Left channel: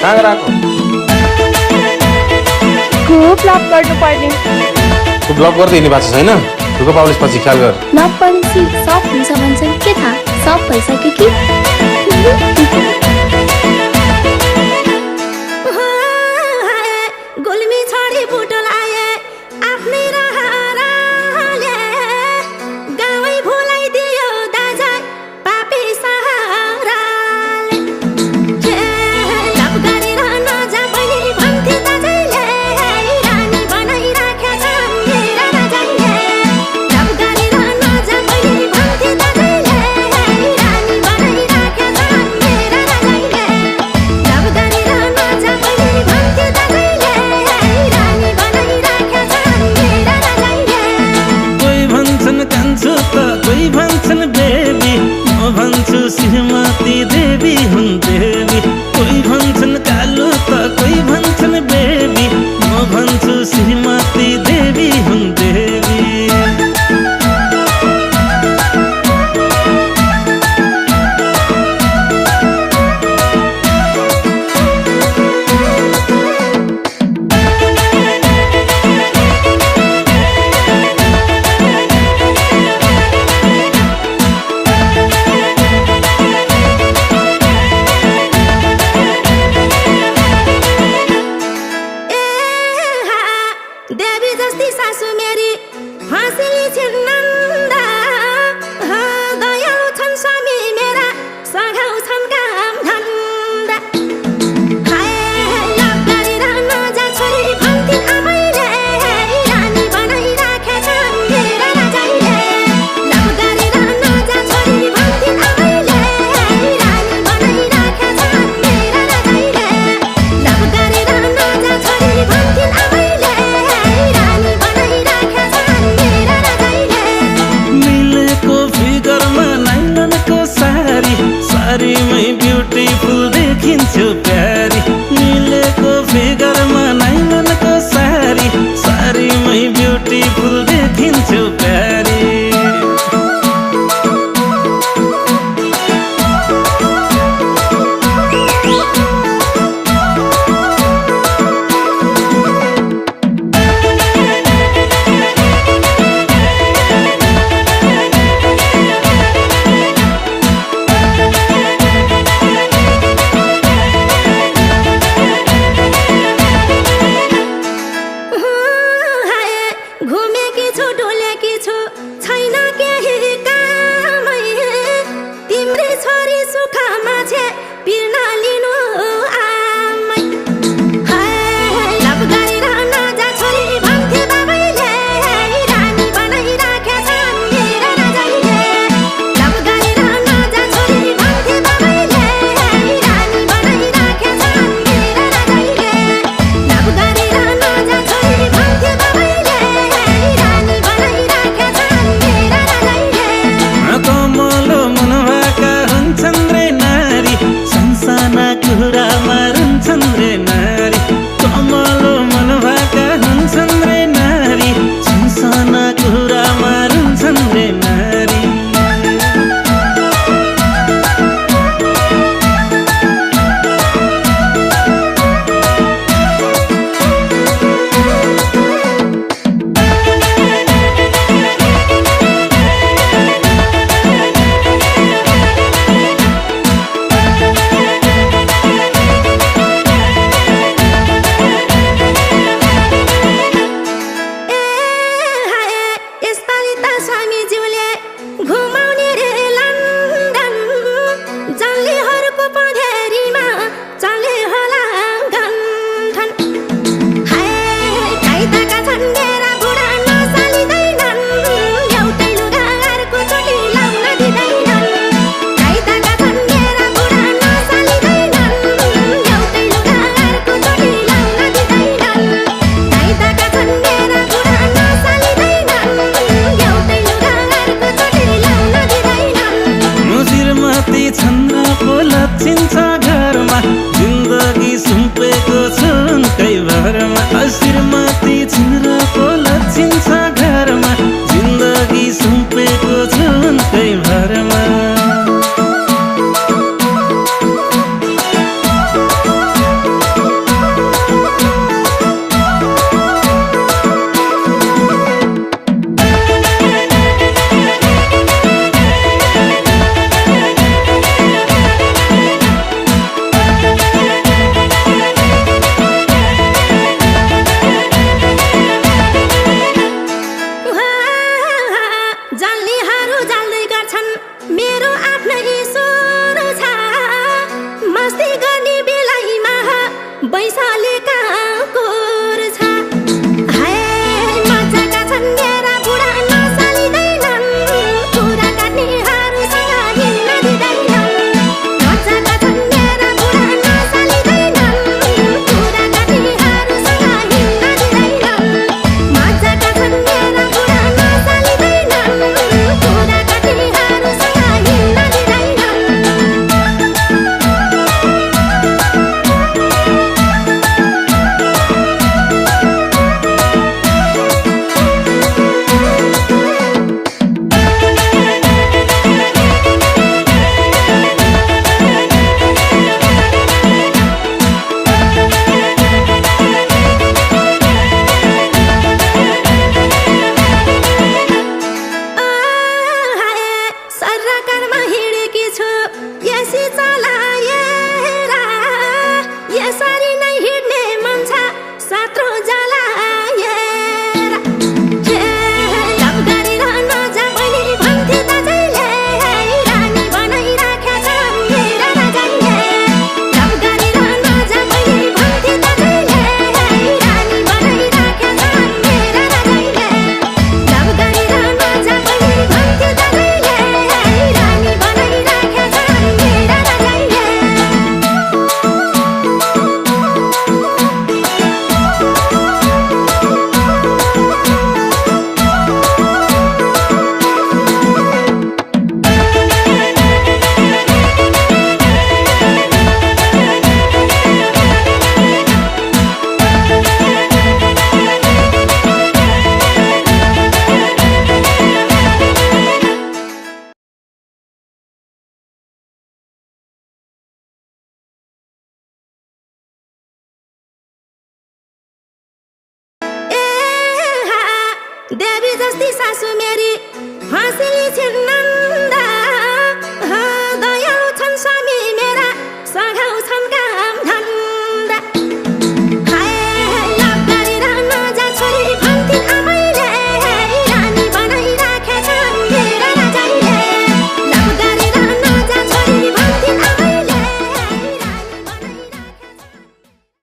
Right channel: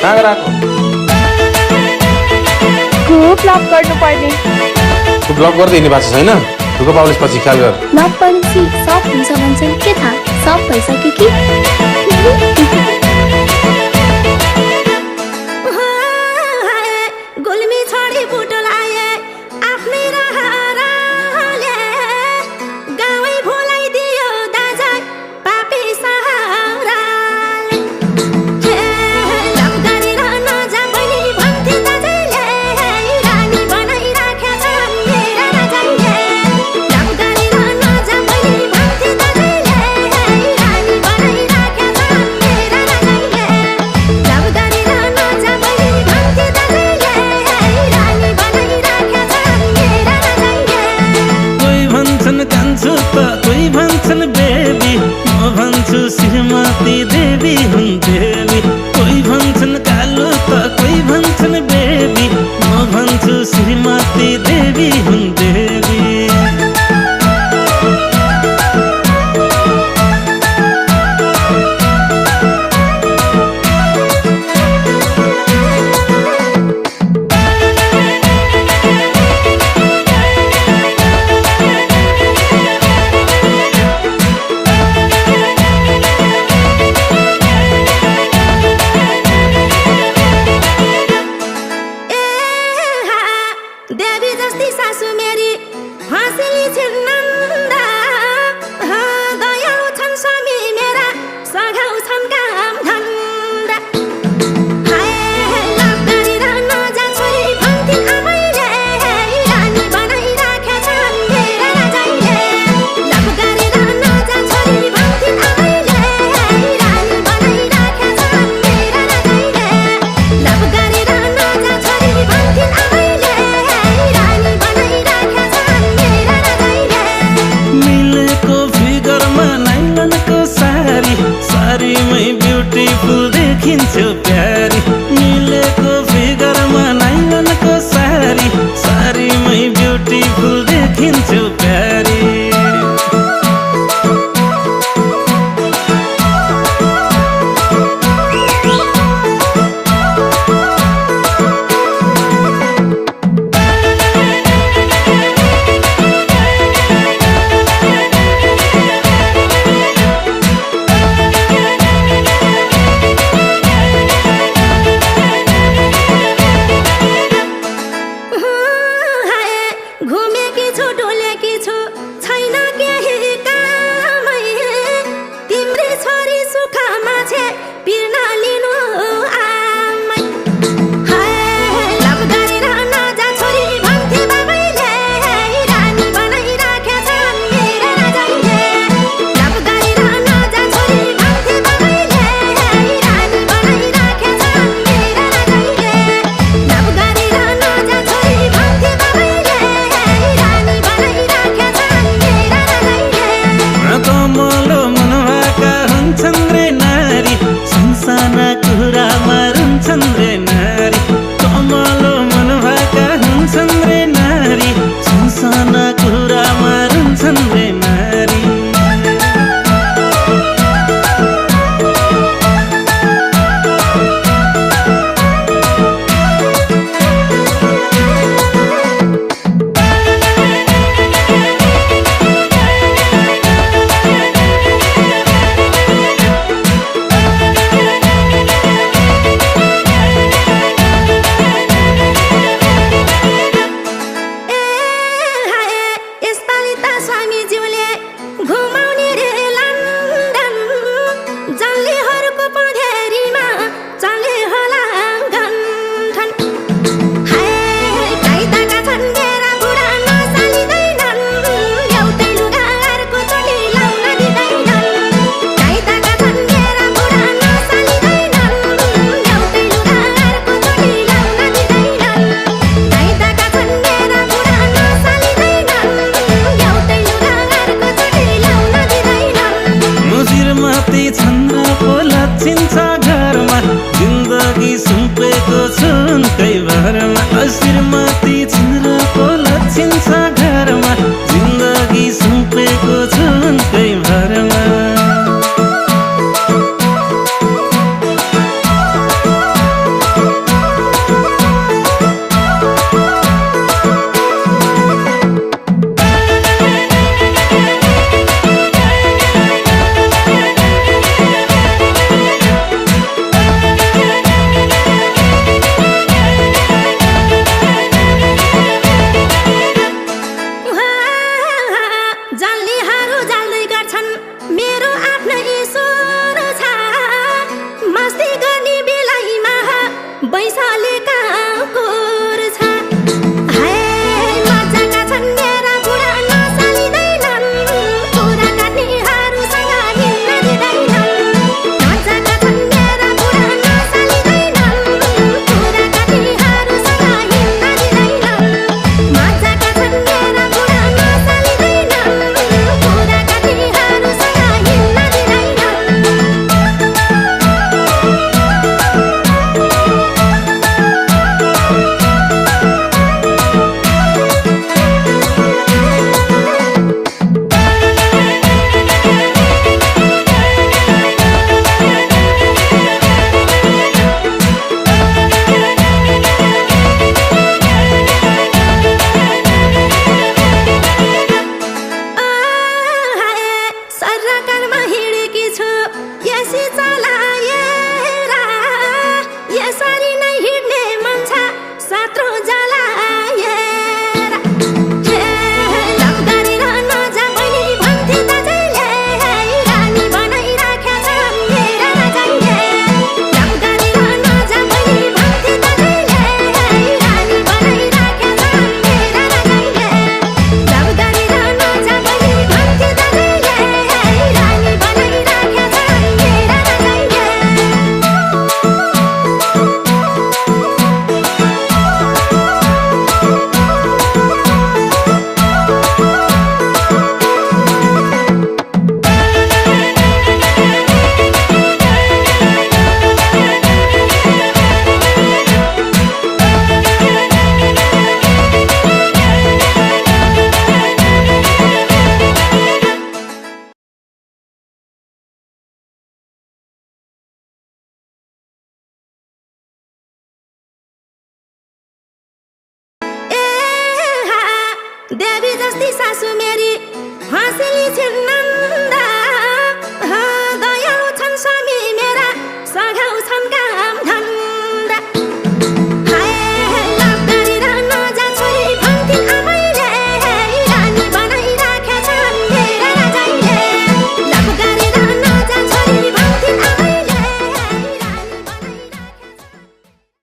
कहाँ गएको? ब्लक गर्नुपर्ने। तँ ब्लक गर्दै हिँड्ने भएको छैन? ढुक्क पाउलिस पछि ख्याल गर। नपढेपछि सब हुन्छ भन्छन्, के थाहा सब भइसक्यो कि? गुल्मी छोडी बुटोल आए आफ्नै रहरले गाउँै भुलाइदियो दाजा पापी सहाराले। लभ गरेर नजा बहिनी भन्थे दाजैले रानी बनाइराखेछ मेरा राजाले। लभ गरेर नजा बहिनी भन्थे दाजैले रानी बनाइराखेछ मेरा राजाले। लभ गरेर नजा बहिनी भन्थे दाजैले रानी बनाइराखेछ मेरा राजाले। कोही भन्छन् कान्छु त कोही भन्छन् बेबी, म भन्छु श्रीमती देवी हुन् देवी। कोही भन्छन् कालो त कोही भन्छन् बेबी, म भन्छु श्रीमती देवी हुन् देवी। देवी जस्ती सासु मेरी हाँसिली छिन् नन्दा। दयालु छन् स्वामी मेरा सघाउ छन् काम धन्दा। लभ गरेर नजा छोरी भन्थिन् आमैले रानी बनाइराखेछ मेरा राजाले। लभ गरेर नजा छोरी भन्थिन् आमैले रानी बनाइराखेछ मेरा राजाले। लभ गरेर नजा छोरी भन्थिन् आमैले रानी बनाइराखेछ मेरा राजाले। मिलेको फिगरमा नाइलनको सारी, सारीमै ब्युटिफुल देखिन्छौ प्यारी। मिलेको फिगरमा नाइलनको सारी, सारीमै ब्युटिफुल देखिन्छौ प्यारी। घुमेकी छु डुलेकी छु छैन केही कामै। तिम्रै छोरी सुखमा छे पिर्न लिनु आमै। लभ गरेर नजा छोरी भन्थे बाबैले रानी बनाइराखेछ मेरा राजाले। लभ गरेर नजा छोरी भन्थे बाबैले रानी बनाइराखेछ मेरा राजाले। लभ गरेर नजा छोरी भन्थे बाबैले रानी बनाइराखेछ मेरा राजाले। कमलो मन भएका हुन्छन् रे नारी, सानसाना कुरामा रुन्छन् रे नारी। कमलो मन भएका हुन्छन् रे नारी, सानसाना कुरामा रुन्छन् रे नारी। यसपालि त स्वामीज्यूले घुमाउने रे लन्डन। जल्लीहरूको पँधेरीमा चले होला गन्थन। काइदाका छन् मेरा बुढा नसालिँदैनन्, एउटै लुगा अर्को चोटि लाउन दिँदैनन्। काइदाका छन् मेरा बुढा नसालिँदैनन्, एउटै लुगा अर्को चोटि लाउन दिँदैनन्। काइदाका छन् मेरा बुढा नसालिँदैनन्, एउटै लुगा अर्को चोटि लाउन दिँदैनन्। श्रीमती चन्द्रको लक्षिन्छ घरमा, जिन्दगी सुम्पेको छु उनकै भरमा। श्रीमती चन्द्रको लक्षिन्छ घरमा, जिन्दगी सुम्पेको छु उनकै भरमा। पैसाले कहाँ कुर्छ हाय मजाका छन् मेरा बुढा नसालिँदैनन् कुरा काट्नेहरूसँग हिँड्न दिँदैनन् मजाका छन् मेरा बुढा नसालिँदैनन् कुरा काट्नेहरूसँग हिँड्न दिँदैनन् मजाका छन् मेरा बुढा नसालिँदैनन् कुरा काट्नेहरूसँग हिँड्न दिँदैनन् सरकारमा हिँडेकी छु यसै चलाएर यसरी नै हिँड्ने मन छ सात्रो जलाएर लप गरेर नजा बहिनी भन्थे दाजैले रानी बनाइराखेका छन् मेरा राजाले लप गरेर नजा बहिनी भन्थे दाजैले रानी बनाइराखेका छन् मेरा राजाले लप गरेर नजा बहिनी भन्थे दाजैले रानी बनाइराखेका छन् मेरा राजाले देवी जस्ती सासु मेरी हाँसिली छिन्